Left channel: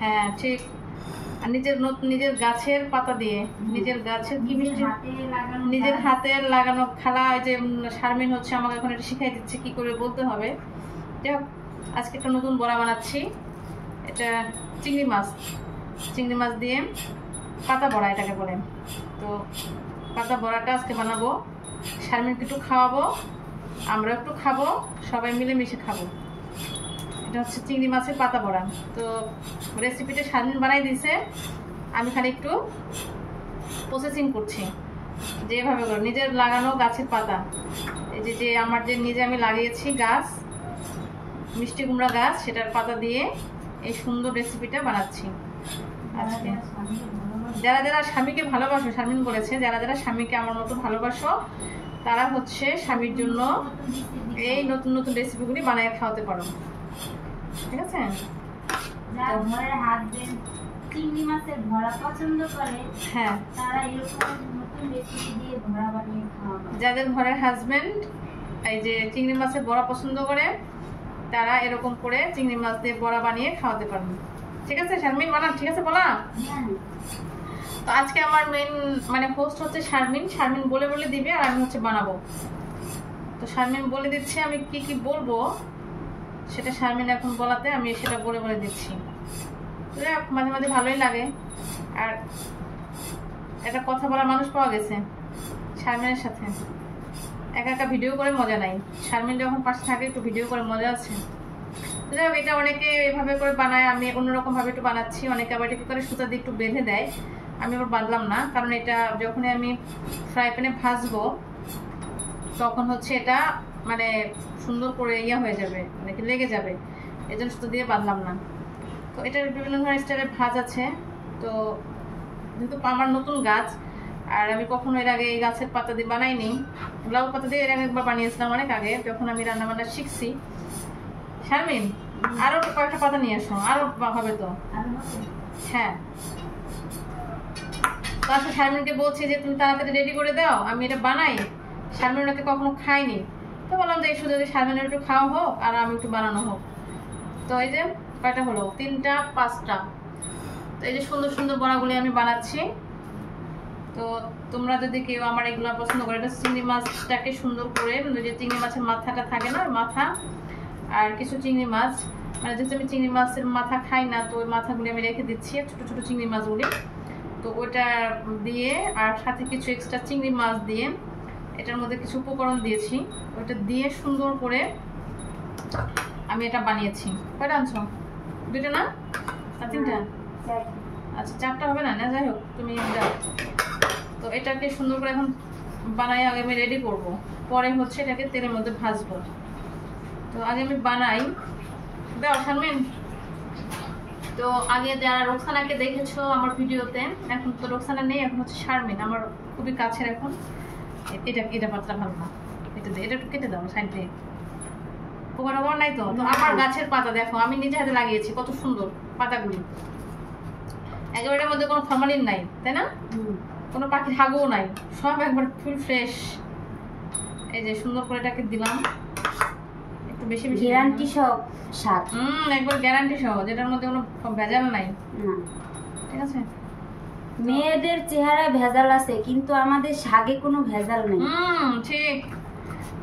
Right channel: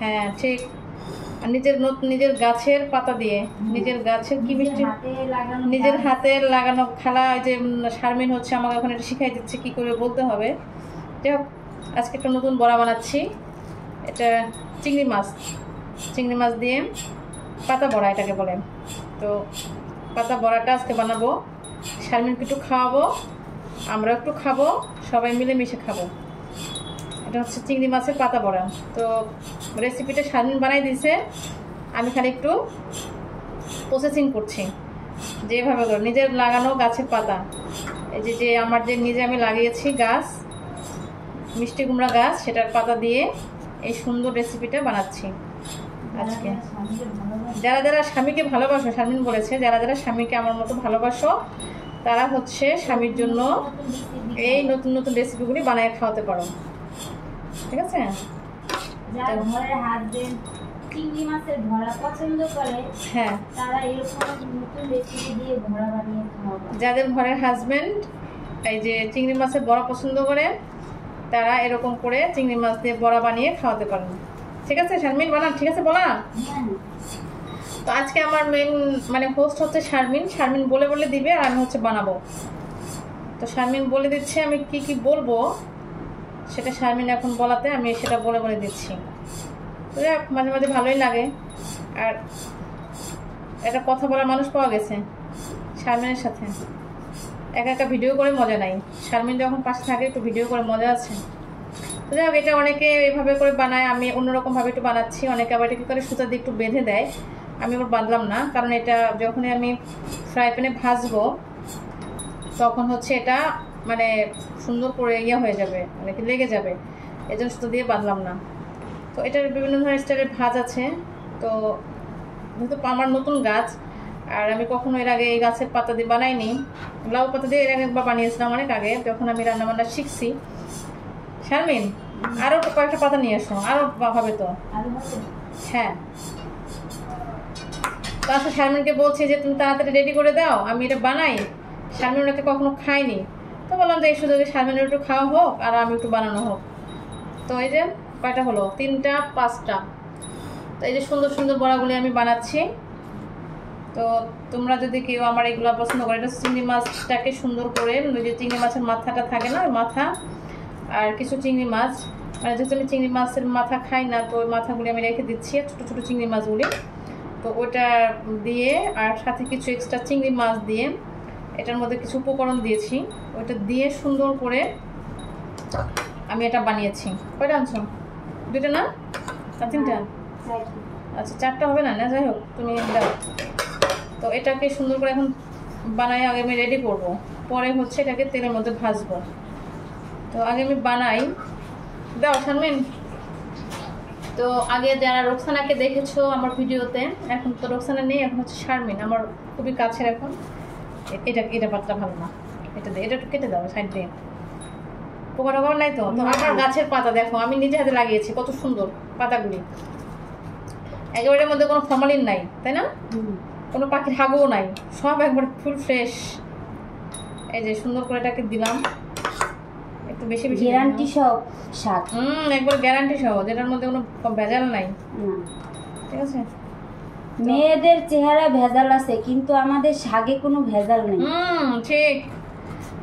হ্যাঁ ঠিক। আর নিজের গাছের পাতা দিয়ে, নিজের গাছের কি মিষ্টি, নিজের হাতের লাগানো খালা। যে শারমিন হচ্ছে আমাকে এখন এটা শিখাই দিচ্ছে কি করে বলতে হবে। যাই হোক, আজকে একটা নতুন বড়া বানাচ্ছি। এটা চিংড়ি মাছ দিয়ে পাতা বড়া এটাকে বলে। তো পাতা বড়াটা আজকে বানাবো, শারমিনকে একটু খাওয়াবো, আমরা একটু খাবো, সবাই মিলে মিশে খাবো। এটা হচ্ছে চিংড়ি মাছের পাতা বড়া। তো রেসিপিটা শারমিন বানাই দিয়েছে, আমি খালি একটু প্রসেসিং করছি। যেভাবে করে নিজের লাগানো গাছের পাতা, এই যে আমার যে নিজে আমি লাগিয়েছি গাছ, মিষ্টি কুমড়া গাছ, সেটার পাতা দিয়ে এই সুন্দর রেসিপিটা বানাচ্ছি আজকে। যারা যারা স্বামীকে ভালোবাসো, শারমিন বলেছে যারা যারা স্বামীকে আমার মতো ভালোবাসো তারা হচ্ছে স্বামীর জন্য এই নতুন নতুন রেসিপিগুলি বানিয়ে খাওয়াতে পারো, ঠিক আছে? চিংড়ি মাছের ভরা পছন্দ করে, হ্যাঁ, তারা এরকম নতুন রেসিপি দিয়ে ভরা বানিয়ে খাওয়াবে। যাদের ঘরের হাজবেন্ড এই যে চিংড়ি মাছের বড়া পছন্দ করে তারা এরকম করে চিংড়ি মাছ দিয়ে বড়া বানিয়ে খাওয়াতে পারেন, ঠিক আছে? শারমিন বানান, ঠিক আছে বলা? তো আজকে আমার মেন মানে হোস্ট হচ্ছে শারমিন বলে বলে দিবে আর আমি হচ্ছে বানাবো। তো শারমিন বলে দিচ্ছে আমি কি কি বলবো, সেটা শারমিন এখন বলাতে আমি সেটা বলে বলে দিচ্ছি। তো মাঝে মাঝে ভালোই লাগে। আর একটা কথা বলার মানুষ পাওয়া গেছে শারমিনের সাথে, একা একা ভিডিও করে মজা নাই। শারমিন যখন পাশে থাকে একটু ভিডিও করে মজা আছে। তো যাই হোক, এটা অনেকে এভাবে করে বানায়, আমি অন্যরকম ভাবে একটু বানাচ্ছি। অনেকে আবার এটা কি করে সুতা দিয়ে একটু বেঁধে দেয়, আমি আবার বাঁধলাম না, কারণ এটা যখনই আমি ফ্রাই প্যানে ভাজবো তখন হচ্ছে এটা মানে সুন্দর করে ইয়ে হয়ে যাবে, মানে কি লেগে যাবে, এই জন্য সুতো দিয়ে বাঁধলাম না। তো এটার বিভিন্ন ধরনের স্টাইলের ভাজ আছে। তো যেহেতু আমার নতুন গাছ আর আমি কখনো এর আগে এই গাছের পাতা দিয়ে বানাইনি, লাউ পাতা দিয়ে এর আগে একবার বানিয়েছিলাম অনেক আগে, যখন আমি রান্নাবান্না শিখছি। শারমিন আরো কয়েকটা পাতা নিয়ে এসো, আরো হবে তো। হ্যাঁ, তো আচ্ছা, শারমিনকে বলছি যে তুমি তাড়াতাড়ি রেডি করে দাও, আমি এটা বানাই। শারমিন ওটাকে কখনো খাইনি, তো বললাম যে এই সুযোগে শারমিনের একটু খাওয়া হোক আর আমি একটু বানানো হোক। তো এই যে কয়টা হলো, 3টা 5টা। তো এই যে সুন্দর সুন্দর বড়াগুলি আমি বানাচ্ছি। তো তোমরা যদি কেউ আমার এগুলো পছন্দ করে, এটা চিংড়ি মাছটাকে সুন্দর করে, ওই যে চিংড়ি মাছের মাথাটা থাকে না, মাথা আর কিছু চিংড়ি মাছ, মানে যেহেতু আমি চিংড়ি মাছের মাথা খাই না, তো ওই মাথাগুলি আমি রেখে দিচ্ছি, ছোট ছোট চিংড়ি মাছগুলি। তো ওইটা দিয়ে আর সাথে কিছু এক্সট্রা চিংড়ি মাছ দিয়ে এটার মধ্যে কিছু উপকরণ দিয়েছি, ওইটা দিয়ে সুন্দর করে আমি এটা বানিয়েছি। কয়টা আনছো? 2টা না 3টা? আচ্ছা 4টা হবে না, যাই হোক তুমি দাও। তো এটাকে সুন্দর করে এখন বানাই, আগে আমি রেডি করব, পরে হচ্ছে এটাকে তেলের মধ্যে ভাজবো। তো আগে আমি বানাই, দাও শারমিন। তো আগে যারা রোকসানাকে দেখেছো আমার ভিডিওতে, এখন তো রোকসানা নেই, এখন হচ্ছে শারমিন আমার খুবই কাছের। এখন এটা পাতটা ভালো না, এটা দিয়ে এটা একটু কেটে দাও সাইড দিয়ে, পোকা নাই তো। তো আমার গাছের পাতা দেখো, আমি নিজে হাতে লাগিয়েছি, কত সুন্দর পাতাগুলি, একেবারে মধ্যে কোনো ফরমালিন নাই, তাই না? কোনো পাখির হাগুও নাই, সব একবার ফুল ফ্রেশ। এই যে সুন্দর করে এটাকে দিলাম, একটু বেশি বেশি গ্যারান্টি সব স্বাদ, একবার গ্যারান্টি সহ, যেটার মধ্যে কোনো ভেজাল নাই, ঠিক আছে? মেয়েদের চেহারা ভেজাল আছে কিন্তু আমাদের শাকে কোনো ভেজাল নেই। ঠিক,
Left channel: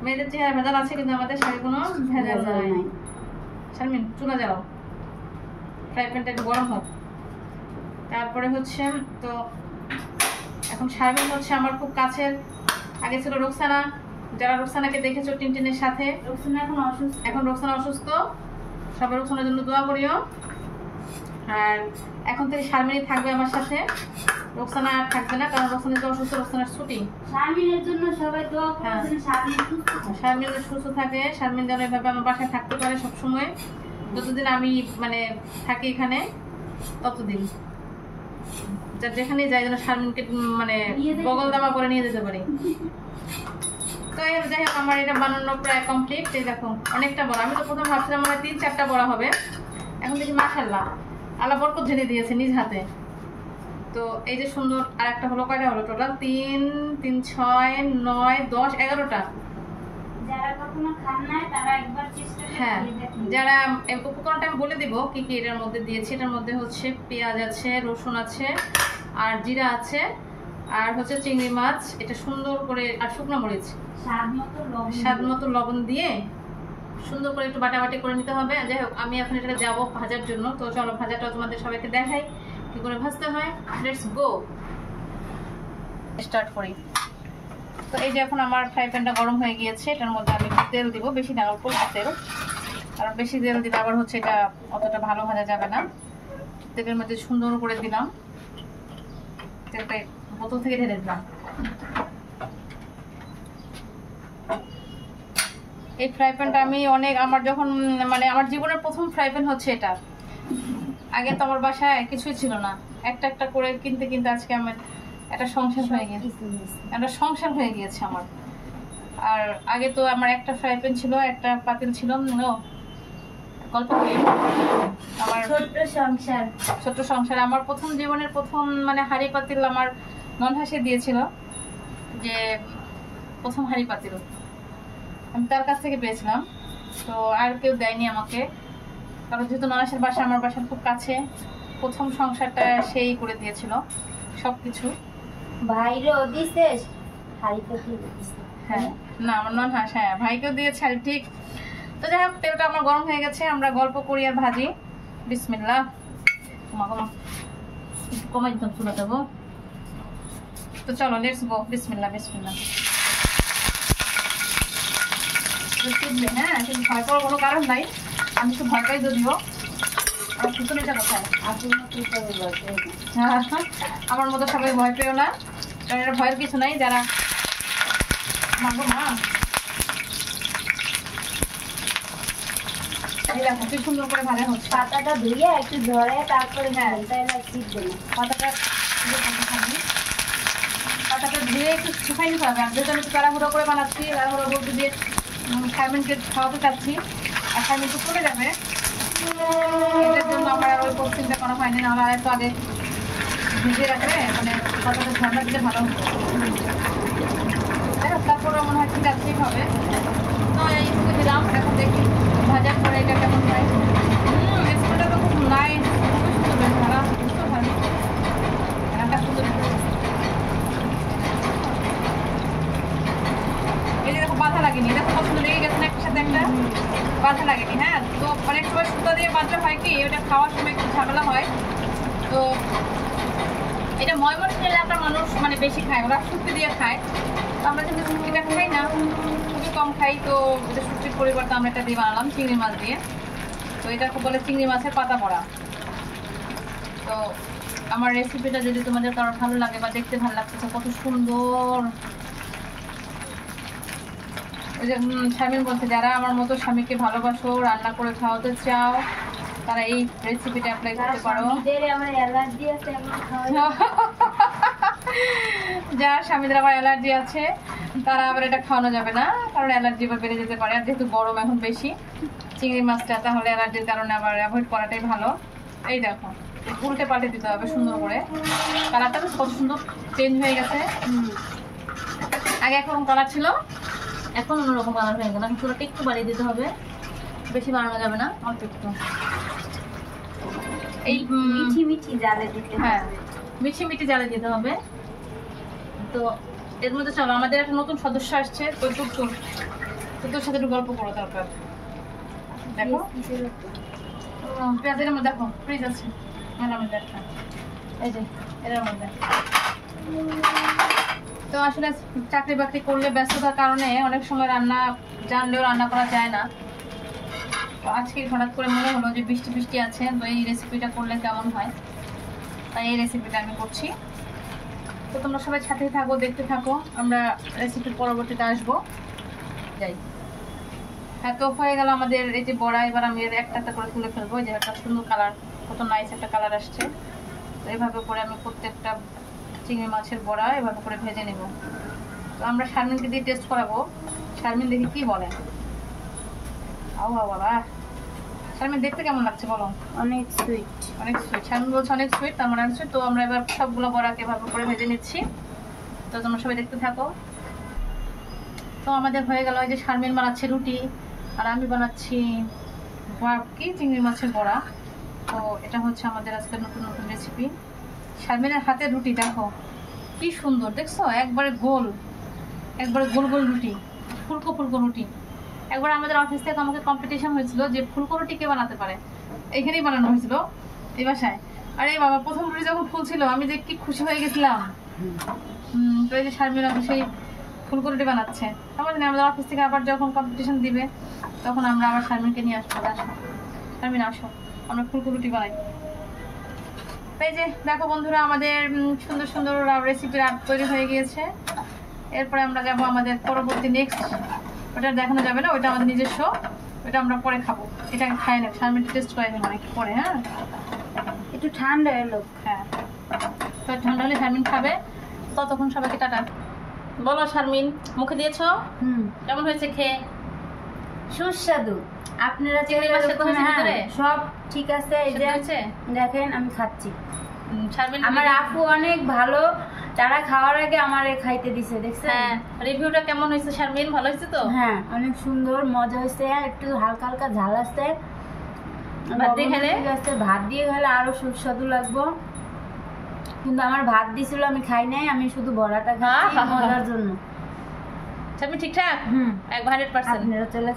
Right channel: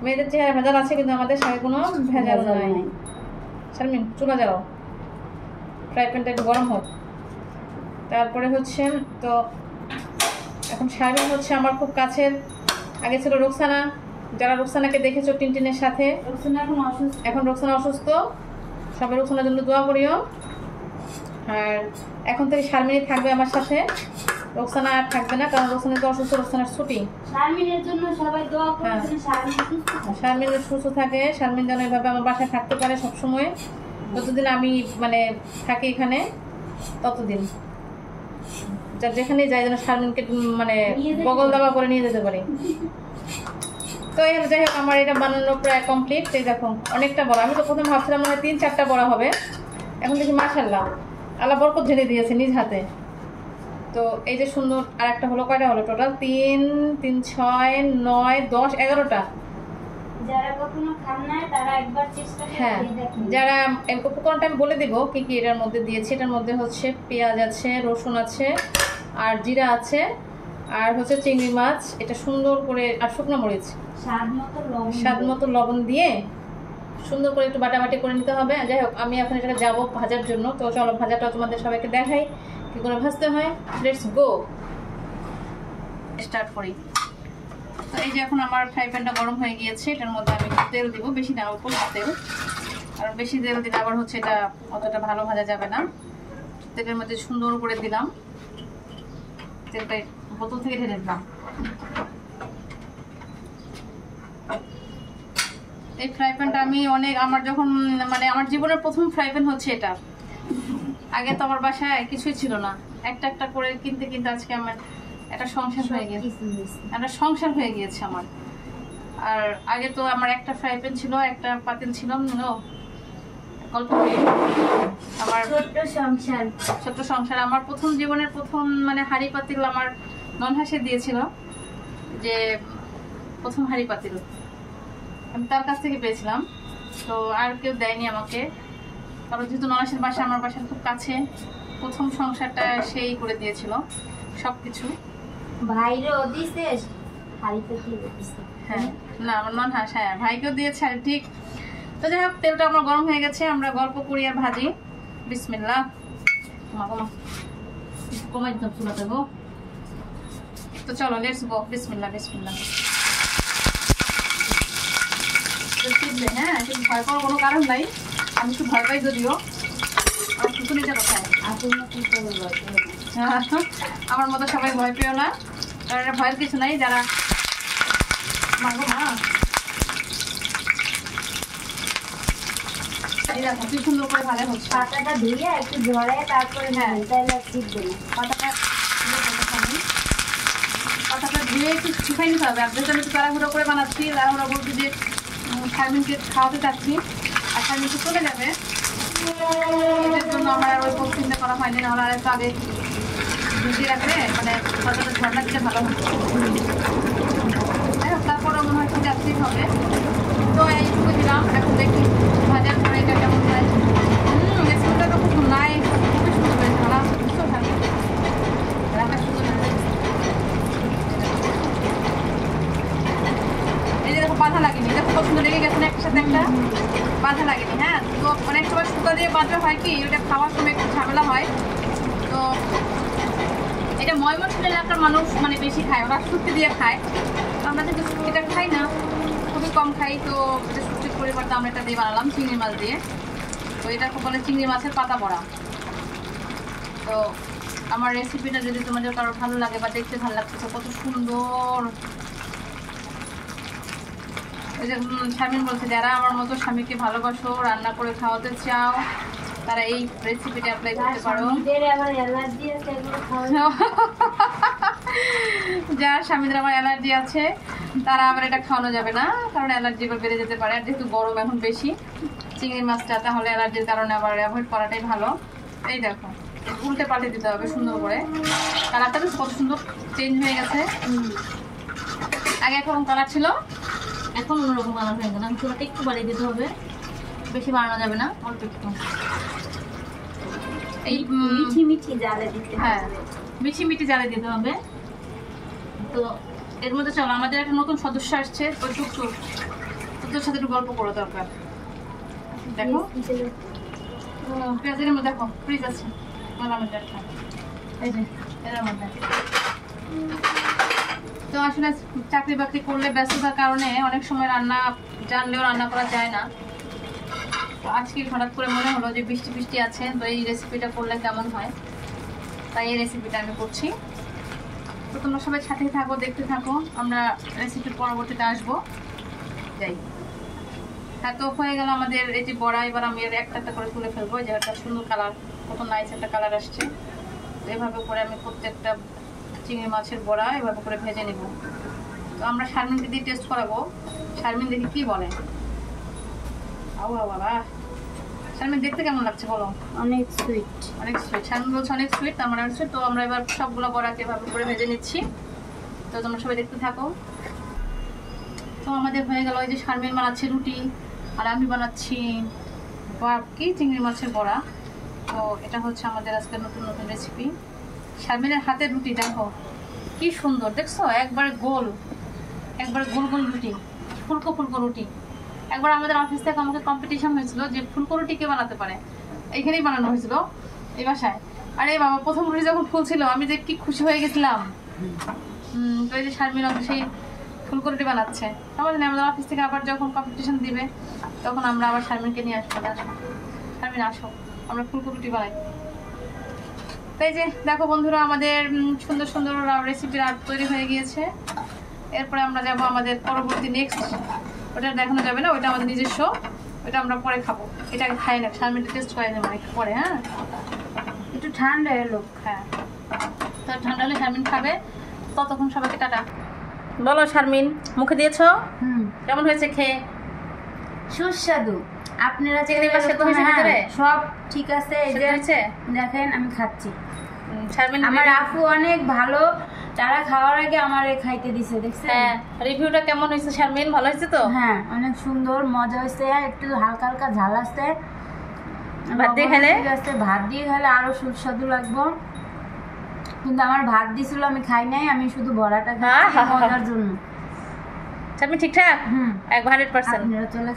মেয়েদের চেহারা ভেজাল আছে কিন্তু আমাদের শাকে কোনো ভেজাল নাই। শারমিন চুলা যাও, ফ্রাই প্যানটা একটু গরম হোক, তারপরে হচ্ছে। তো এখন শারমিন হচ্ছে আমার খুব কাছের, আগে ছিল রোকসানা, যারা রোকসানাকে দেখেছো টিনটিনের সাথে, এখন রোকসানা অসুস্থ, সবাই রোকসানার জন্য দোয়া করিও। আর এখন থেকে শারমিনই থাকবে আমার সাথে, রোকসানা আর থাকবে না, কারণ রোকসানা তো অসুস্থ, রোকসানার ছুটি। শারমিনের জন্য সবাই দোয়া করবেন, শারমিন সুস্থ থাকে, শারমিন যেন এভাবে আমার বাসায় থাকতে পারে সবসময়, যতদিন আমি মানে থাকি এখানে ততদিন, যেখানে যাই যেন শারমিনকে মানে বগল দাবা করে নিয়ে যেতে পারি। তো এখানে যাই হোক, আমার এটা বানানো প্রায় কমপ্লিট। এই দেখো অনেকটা বড়, আমি তো প্রথম ভাবছিলাম মানে 3-4টা বড় হবে, এখন দেখি মাশাআল্লাহ আল্লাহ বরকত ঢেলে দিয়েছে নিজ হাতে। তো এই যে সুন্দর, আর একটা হলো, কয়টা হলো টোটাল? 3, 3, 6, 9, 10, 11টা যারা কখনো খান না তারা একবার চেষ্টা হ্যাঁ, করে দেখুন। যারা এই উপকরণটা আমি বলে দিব কি কি এটার মধ্যে দিয়েছি। এটার মধ্যে হচ্ছে পেঁয়াজ আছে, রসুন আছে, আর জিরা আছে, আর হচ্ছে চিংড়ি মাছ, এটা সুন্দর করে, আর শুকনো মরিচ, স্বাদ মতো লবণ দিয়ে সুন্দর করে একটু বাটাবাটি করে নিতে হবে। যাই হোক, আমি এখন এটাকে যাবো ভাজার জন্য। তো চলো ভাজাটা তোমাদের সবাইকে দেখাই কি করে ভাজতে হয়। লেটস গো, স্টার্ট করি। তো এই যে এখন আমার ফ্রাই প্যানটা গরম হয়ে গিয়েছে, এটার মধ্যে আমি একটু তেল দিব, বেশি না, অল্প তেল, কারণ বেশি তেল দিলে আবার হচ্ছে এটা অতটা ভালো ভাজা যাবে না। তেলের মধ্যে সুন্দর করে দিলাম, তেলটা বোতল থেকে ঢেলে দিলাম। এই ফ্রাই প্যানটা আমি অনেক, আমার যখন মানে আমার জীবনের প্রথম ফ্রাই প্যান হচ্ছে এটা। আগে তো আমার বাসায় কিছুই ছিল না, একটা একটা করে কিনতে কিনতে আজকে আমার একটা সংসার হয়ে গিয়েছে, একটা সংসার হয়ে গিয়েছে আমার। আর আগে তো আমার একটা ফ্রাই প্যান ছিল, একটা পাতিল ছিল। গল্প করি, আমার ছোট্ট সংসার। আমার প্রথম জীবনের প্রথম মানে হাঁড়ি পাতিল আমার ননহাসে দিয়েছিল, যে প্রথম হাঁড়ি পাতিল আমি তার কাছ থেকে পেয়েছিলাম। তো আর কেউ দেয়নি আমাকে, কারণ যেহেতু ননহাসের বাসা আমার বাসার খুব কাছে, প্রথম সংসারটা সেই করে দিয়েছিল সবকিছু। ভাইরও দিছে হ্যাঁ, না আমার ননহাস, হ্যাঁ ভাইকেও দিয়েছে আর ঠিক। তো যাই হোক, তেলটা আমার গরম হয়ে গেছে, আমরা গল্প করি আর ভাজি। বিসমিল্লাহ, কমাই দিতাম চুলাটা গো। তো চলো লেটস গো, বিসমিল্লাহ বিসমিল্লাহ। হ্যাঁ, ভয় পাওয়ার কোনো কারণ নাই, আমি একটু ভয় পাই যদিও। আমার কুতুনিটা কোথায়? আমার মতো সবাই ভয় পেও না, কারণ এটা ভয়ের কিছু নাই। যারা মাগো মা, দেখো কি সুন্দর করে ভালো হচ্ছে। পাতাটা ধুয়ে একটু ঝরে তারপরে পাতাটা ধুয়ে একটু শুকাই নিতে হবে। আমি একটু তাড়াহুড়ো করে বানাচ্ছি, তাড়াহুড়ো করে দিয়ে শারমিনকে খাওয়াতে চাচ্ছি, আর শারমিন তো চলে যাবে, এটার জন্য আমার আর ওই চিন্তা করা হয়নি। নাহলে আর একটু আগে ভিজিয়ে রাখলে মানে পাতাটা ঝর্ণা দিলে ভালো হতো। তারপরে মনে হয় ঠিক আছে হবে। তো এইটুকু দিলাম, এখন দেখি ভাজার পরে এটা কেমন হয়। স্কুলটা তো খুব নাইস, খুবই সুন্দর হয়েছে, ভালো আছে, বুঝতে ভালো রান্না সুন্দর। এই যে দেখো বাধা লাগেনি, দেখো কত সুন্দর লেগে গেছে না একটার সাথে একটা, বাধা লাগেনি। হ্যাঁ, তো অনেক সময় সুতা দিয়ে বাঁধলে হয় কি, ওটা খাওয়ার সময় একটু ঝামেলা হয়। তো এটা ময়মনসিংহের এলাকার মানুষ মানে বেশি খায়, ওরা শুটকি দিয়ে খায়। তো আমরা যদি শুটকিটা খাই না, খুবই কম খাই, তো শুটকির পরিবর্তে আমরা এটা দিয়ে বানালাম চিংড়ি মাছ দিয়ে। তো এটা খুব বলে চিংড়ি মাছের পাতা বড়া। তো আমার রেসিপিটা যদি তোমাদের কারো ভালো লাগে বা দেখতে ভালো লাগছে, তো কত সুন্দর। ওই যে শারমিন বলছে, যারা আমার মতো স্বামীকে ভালোবাসো, রান্না করে খাওয়াতে চাও, তারা এই রেসিপিটা অ্যাপ্লাই করতে পারো। যার স্বামীদের আবার অ্যালার্জি আছে, তারা আবার এটা খাওয়ানো যাবে না, কারণ অ্যালার্জি আবার বেড়ে যেতে পারে। আর যেহেতু গরম এখন বেশি, চিংড়ি মাছটা তাহলে অ্যালার্জির কারণে আবার অ্যাভয়েড করাটাই ভালো। এই দেখো, উল্টে পাল্টে দিতে হবে সুন্দর করে। কালারটা তো কত সুন্দর চেঞ্জ হয়ে গেছে। আগে একরকম কালার ছিল, এখন অন্যরকম কালার হয়ে গেল। চুলাটা একটু বাড়িয়ে দিতে হবে, বেশি বাড়ানো যাবে না, অল্প একটু। এই মিঠি মিঠি জালে দিতে হবে। হ্যাঁ, মিঠি মিঠি জালে দিতে হবে। তো এর মধ্যে চলো, আমাদের একটা নতুন সদস্য আসছে, তো তোর সাথে একটু গল্প করো দরকার। দেখো পেঁয়াজের মধ্যে দেখো ফ্রিজ আছে, এই যে এটার মধ্যে। তো আসলে চাকরি বাকরি করলে ব্যস্ততার কারণে অনেক সময় রান্না জানলেও রান্না করা যায় না। তো আজকে হঠাৎ করে মনে হলো যে বৃষ্টি বৃষ্টি আছে, তো এই রেসিপিটা করলে কেমন হয়, তাই এই রেসিপিটা আমি করছি। তো তোমরা সবাই সাথেই থাকো, দেখতে থাকো, আমরা রেসিপির পরবর্তীতে আসবো। যাই, হ্যাঁ, তো হয়ে গেল আমাদের এই যে বড়া। এবার আমি একটা একটা করে তুলে ফেলবো। যে একটা সুন্দর কালার, কত নাইস একটা কালার আসছে। তো এভাবে করে আমি প্রত্যেকটা চিংড়ি মাছের বড়া এভাবে করে ভেজে নেব। তো আমরা শারমিনকে দিয়ে টেস্ট করাবো, শারমিন দেখি কি বলে। বাবা, শারমিন দেখতে কেমন লাগছে বলো? অনেক সুইট, অনেক সুইট। শারমিন বলছে অনেক সুইট, তার মানে হচ্ছে। তো আমরা এবার সবগুলো বড়াকে এভাবে করে ভেজে নিচ্ছি। তো তোমরা সবাই দেখতে থাকো। তো আমাদের হয়ে গেল, এই যে শারমিন বানাচ্ছে রুটি আর আমি বানাচ্ছি কি চিংড়ি মাছের বড়া। তো এটা হচ্ছে আমাদের আজকে নতুন নতুন রেসিপি। শারমিনের হাতের রুটি দেখো কি সুন্দর, দেখছো? একবারে গোল গোল রুটি, ফুলকো ফুলকো রুটি। একবার আমাদের অফিস থেকে আমাকে কম্পিটিশন হয়েছিল যে ফুলকো রুটি কে বানাতে পারে, এখানেই বানানো হয়েছিল এই বাসায়। আরে বাবা, প্রথম রুটি যখন ফুলছিল আমি যে কি খুশি হয়ে গেছিলাম। তো এই যে শারমিন সেই ফুলকো রুটি বানাচ্ছে। তারপর আমাদের অফিস থেকে আবার যখন কম্পিটিশন দিবে তখন আমরা আবার শারমিনকে নিয়ে আসবো। শারমিন আসো, আমরা ফুলকো রুটি বানাই। তাই যে দেখো বন্ধুরা, আমাদের সুন্দর সুন্দর রেসিপি তৈরি হয়ে গিয়েছে। এরপরে আমরা যাব আমাদের পরবর্তী নেক্সট, ওটা দেখানো যাবে না, ওইটা আমাদের নিজস্ব, ওইটা আমরা পরে খাবো। এটাকে খাই না, শারমিনটা টেস্ট করে দেবো একটু পরে। হ্যাঁ, একটু ঠান্ডা এলো। হ্যাঁ, তো ঠান্ডা হলে শারমিন খাবে। ততক্ষণ সবাইকে টাটা বলো। শারমিন, মুখে দিয়েছো? কেমন হয়েছে খেয়ে? সুস্বাদু। আপনারা চিংড়ি মাছ সেদ্ধ হয়েছে ভিতরে? সব ঠিক আছে। এই যে হয়েছে, দেখেন আমি খাচ্ছি। শারমিন আমার আপু অনেক ভালো, তারা খাওয়ার আগে আমারে খাইতে দিছে, দেখছেন? হ্যাঁ, রিভিউটা কেমন হয়েছে শারমিন? ভালো হয়েছে তো? হ্যাঁ, অনেক সুন্দর, মজা হয়েছে। একটু হালকা হালকা ঝাল আসছে। ভাত দিয়ে খেলে? ভাত দিয়ে খেলে আরো সুস্বাদু লাগবো। কিন্তু আমার ভাত দিছিল, আমি খাই নাই, আমি শুধু বড়াটা খাই মজার জন্য। শারমিন ঠিকঠাক? 100%। আপনারা চলে